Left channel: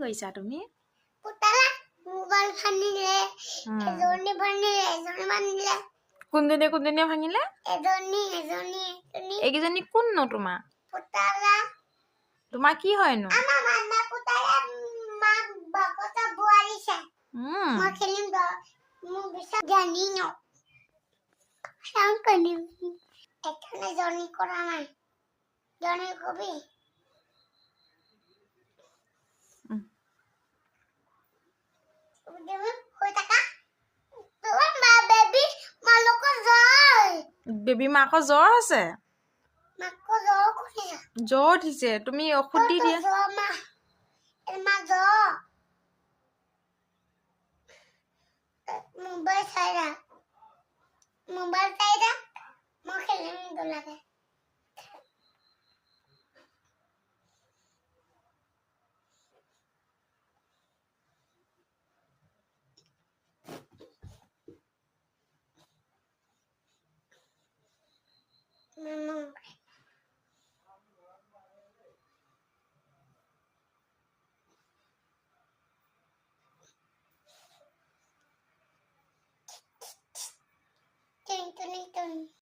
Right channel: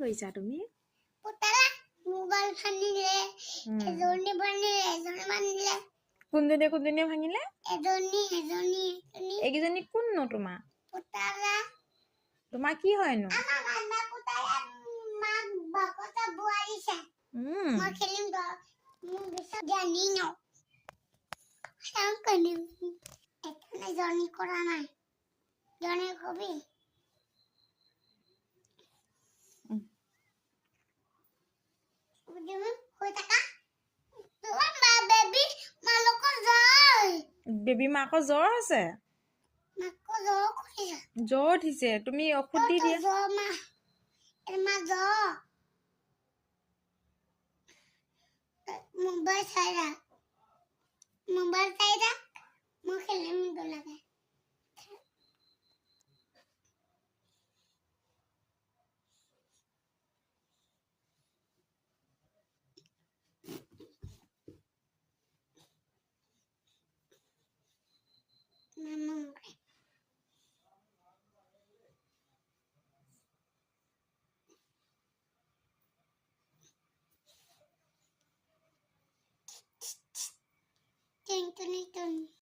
কৈছা তুমি পুতালা মোবাইল ভাঙিলে এজনী ভাঙিলে এজনী ভাঙিলে কোনজনীয়ে ভাঙিলে এজনী এইকেইজনী কোননো তোমাৰ পুতালা তোমাৰ কি হয়নো আমাৰ মামা পুতালা মাক বাকটা বুৱাৰিছে মই খেলিম দ মোৰ বিছা জানি ন সংকনি এখানে জনি কৰা নাই জনি কবি বেবী মাকৰ জ্বৰ আছে জ্বৰ উঠিছে তুমি ঔষধ দি দিয়া মোবাইল চাই মই খেলিম লাগে